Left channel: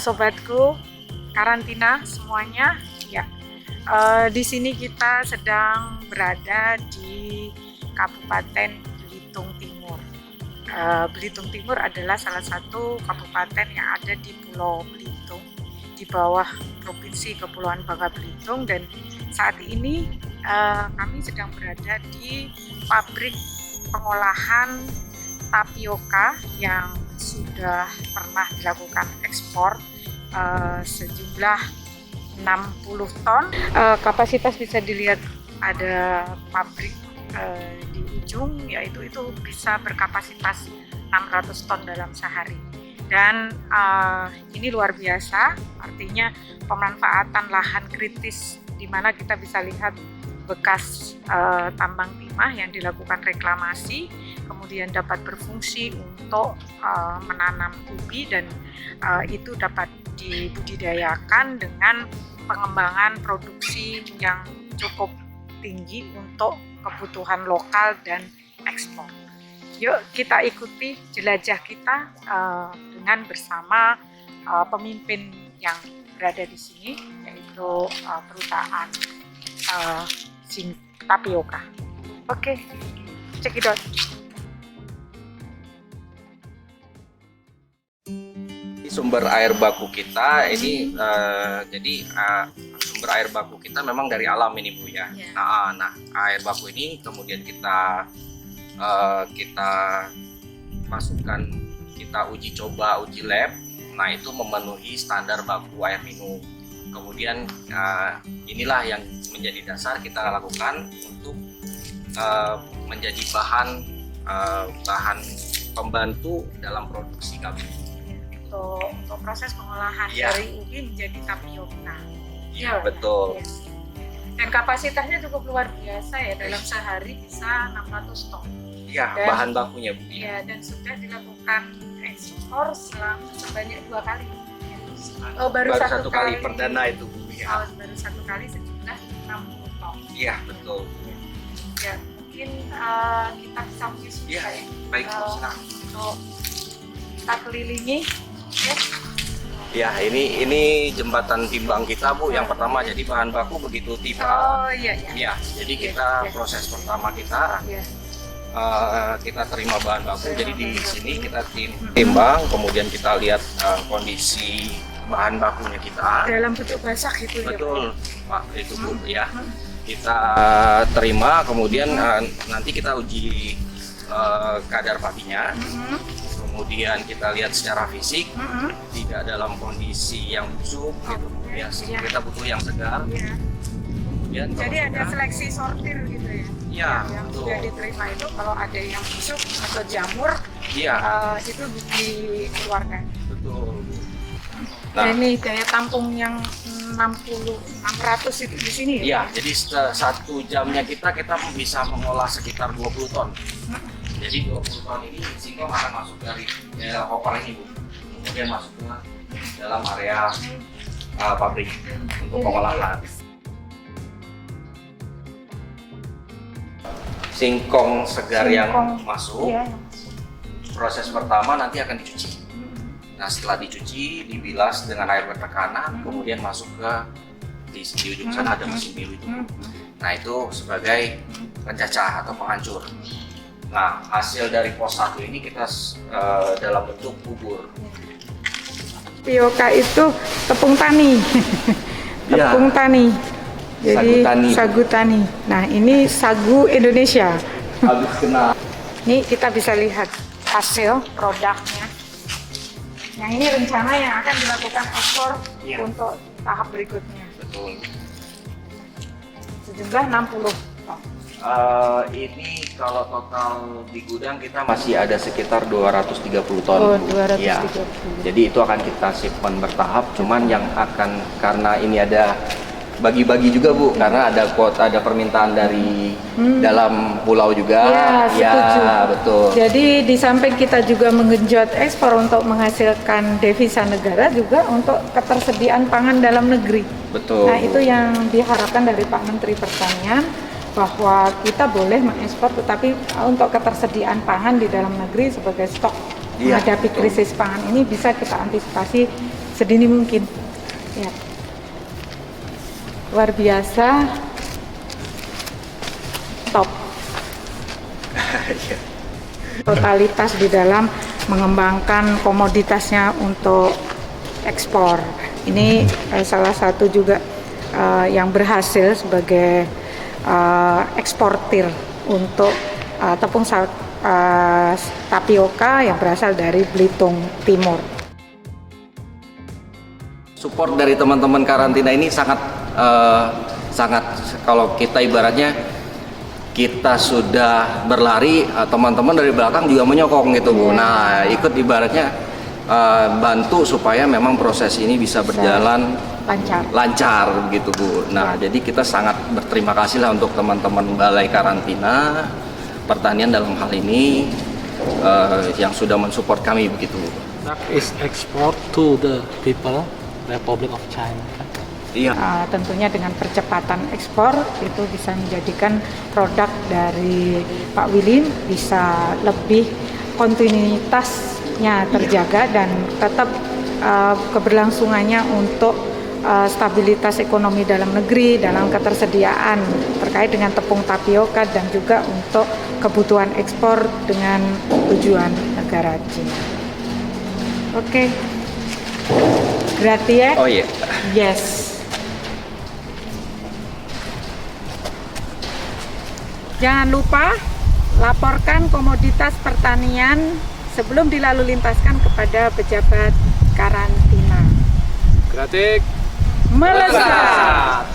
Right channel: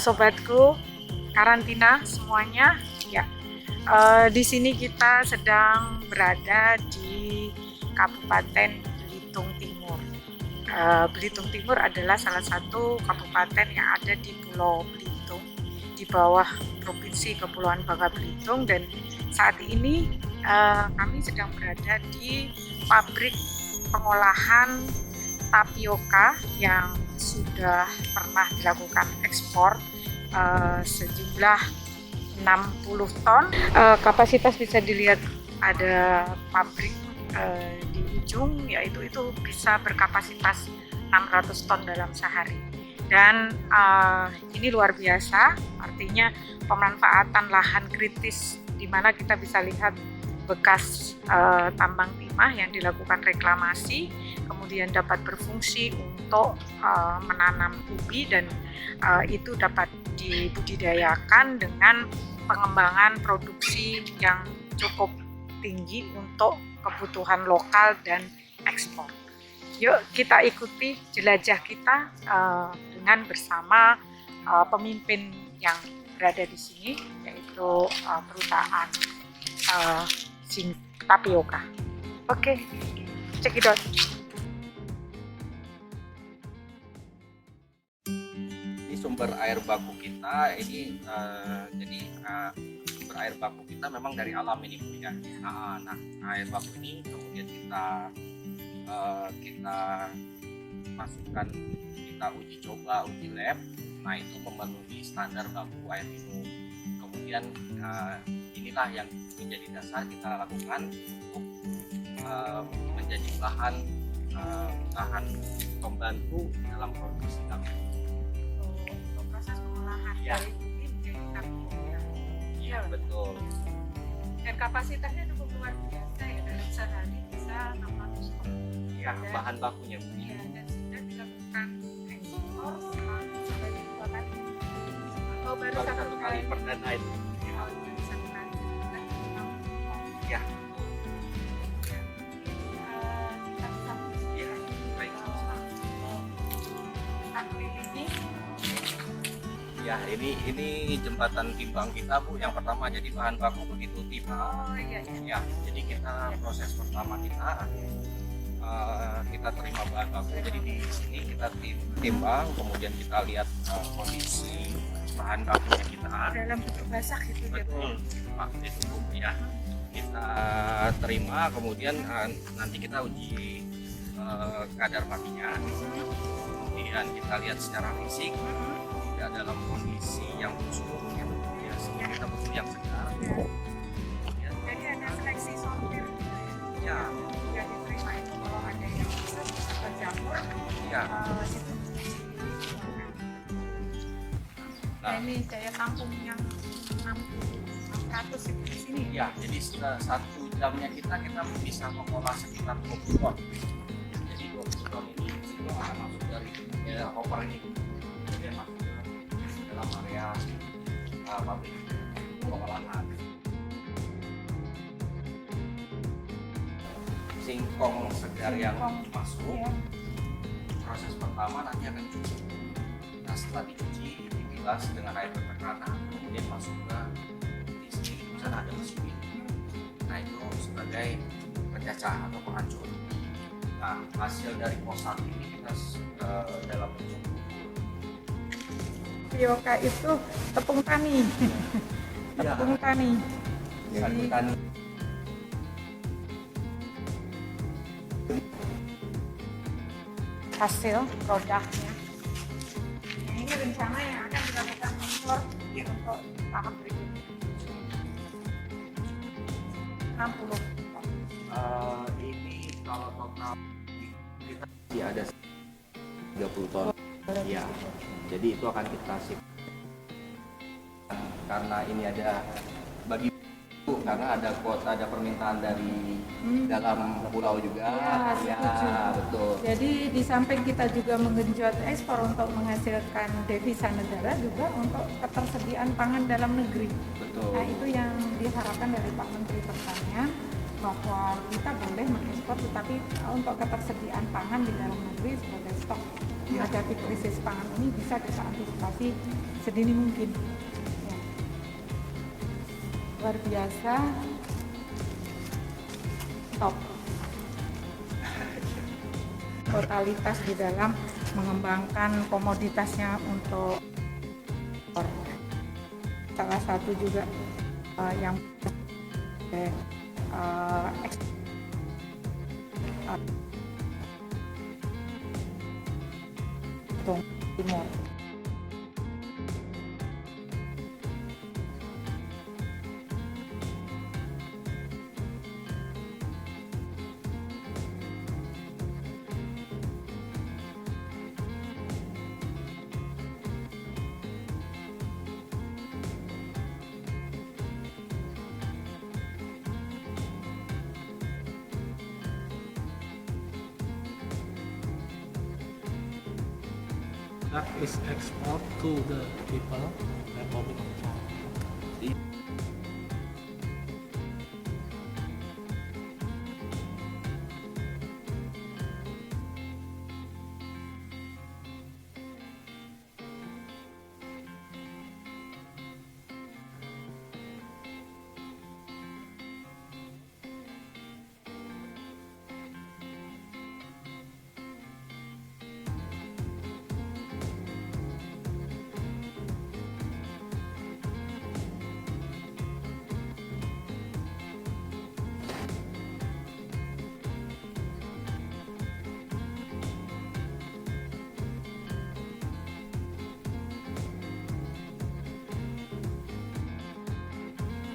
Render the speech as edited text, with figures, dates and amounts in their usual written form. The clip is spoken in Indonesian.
sobatku, karantina semuanya. Ya, di sini kita sedang berada di Kabupaten Belitung Timur. Belitung Timur adalah salah satu kabupaten yang ada di Pulau Belitung, di bawah Provinsi Kepulauan Bangka Belitung, dan saat ini kami sedang berada di pabrik pengolahan tapioka yang sudah pernah dilakukan ekspor sejumlah 60 ton. Kapasitas bisa dilihat ada pabrik di ujung, yaitu itu bisa berkapasitas 600 ton dalam sehari. Dan ini luar biasa, artinya pemanfaatan lahan kritis di mana kita bisa lihat bekas tambang timah yang dilakukan reklamasi, kemudian dapat berfungsi untuk menanam ubi, dan itu dapat dibudidayakan dengan pengembangan produksi yang cukup tinggi untuk kebutuhan lokal dan ekspor. Yuk kita ikuti jelajah kita dengan bersama pemimpin yang berada di sini, yaitu perusahaan tapioka. Oke, cekidot. Sumber air baku kita ini sumber air baku kita memang dari alam ini Bu ya. Nah, air baku ini kemudian kita masukkan, kita uji coba, uji lab. Nah, itu memenuhi standar baku air minum. Kemudian inilah yang menjadi dasar kita lakukan untuk menjadi bahan pembantu dalam produksi kami. Untuk proses pengolahan dari ubi menjadi tapioka. Iya, betul. Dan kapasitasnya cukup luar biasa ya, dalam sehari bisa 600 ton. Iya, bahan bakunya Bu. Iya, dan sudah dilakukan ekspor sebanyak 2 kali. Baru satu kali perdana itu. Ya. Baru 1 kali sejumlah 60 ton. Iya, betul. Ya, mungkin kita bisa uji ya. Baik, kita kelilingi. Ya, ini jembatan timbang kita Bu. Yang pertama, jadi bahan baku begitu tiba. Ya, jadi kita proses pertama kita terima bahan baku. Jadi di sini kita timbang, kemudian kita lihat kondisi bahan bakunya kita dalam bentuk basah gitu. Betul, Pak, itu Bu ya. Kita terima, kemudian nanti kita uji kadar patinya. Kemudian kita lihat secara fisik, tidak dalam kondisi yang busuk, kita butuh yang segar. Ya, jadi ada seleksi sortir gitu ya? Iya, yang sudah diterima itu kalau ada yang busuk atau jamur, itu dikeluarkan. Betul. Nah, ini daya tampung yang 600 itu di sini. Iya, jadi 1 jamnya kita bisa mengolah sekitar 20 ton. Jadi 20 ton ini singkong akan masuk dari daerah hopper ini Bu. Kemudian masuk ke dalam area pabrik untuk pengolahan. Singkong segar yang masuk, proses pertama nanti akan dicuci. Nah, setelah dicuci, dibilas dengan air bertekanan, kemudian masuk ke di ujung sana ada mesin bilu. Nah, itu sebagai pencacah atau penghancur. Nah, hasil dari pos 1 ini kita dalam bentuk bubur. Tapioka itu tepung tani. Tepung tani. Jadi sagu tani. Nah, ini sagu Indonesia. Habis kena. Ini kita bisa lihat hasil produknya. Yang ini rencana yang akan dilakukan ekspor untuk tahap berikutnya. Betul. Sejumlah 60 ton. Ini kalau total di gudang kita masih ada sekitar 230 ton. Oh, 230. Ya. Jadi itu akan kita shipment bertahap, cuman yang akan, karena ini ada bagi-bagi juga Bu, karena ada kuota, ada permintaan dari dalam pulau juga. Setuju. Betul. Jadi di samping kita juga menggenjot ekspor untuk menghasilkan devisa negara, juga untuk ketersediaan pangan dalam negeri. Betul. Nah, itu yang diharapkan dari Pak Menteri Pertanian, bahwa kita boleh mengekspor, tetapi untuk ketersediaan pangan di dalam negeri sebagai stok menghadapi krisis pangan ini bisa kita antisipasi sedini mungkin. Ya. Luar biasa, top. Totalitas di dalam mengembangkan komoditasnya untuk ekspor. Ini salah satu juga yang berhasil sebagai eksportir untuk tepung tapioka yang berasal dari Belitung Timur. Support dari teman-teman karantina ini sangat kalau kita ibaratnya kita sudah berlari, teman-teman dari belakang juga menyokong gitu Bu. Nah, ikut ibaratnya bantu supaya memang proses ini bisa berjalan lancar gitu Bu. Nah, jadi kita sangat berterima kasih lah untuk teman-teman Balai Karantina Pertanian dalam hal ini yang sudah mensupport kami begitu Bu. That is export to the people, Republic of China. Iya. Tentunya dengan percepatan ekspor itu bisa menjadikan produk dari Pak Willy bisa lebih kontinuitasnya terjaga dan tetap keberlangsungannya untuk stabilitas ekonomi dalam negeri, dalam ketersediaan terkait dengan tepung tapioka dan juga untuk kebutuhan ekspor dengan tujuan negara Cina. Oke. Berarti ya? Oh iya. Yes. Jangan lupa laporkan komoditas pertanian sebelum dilalu lintaskan kepada pejabat karantina. Gratik Melesat.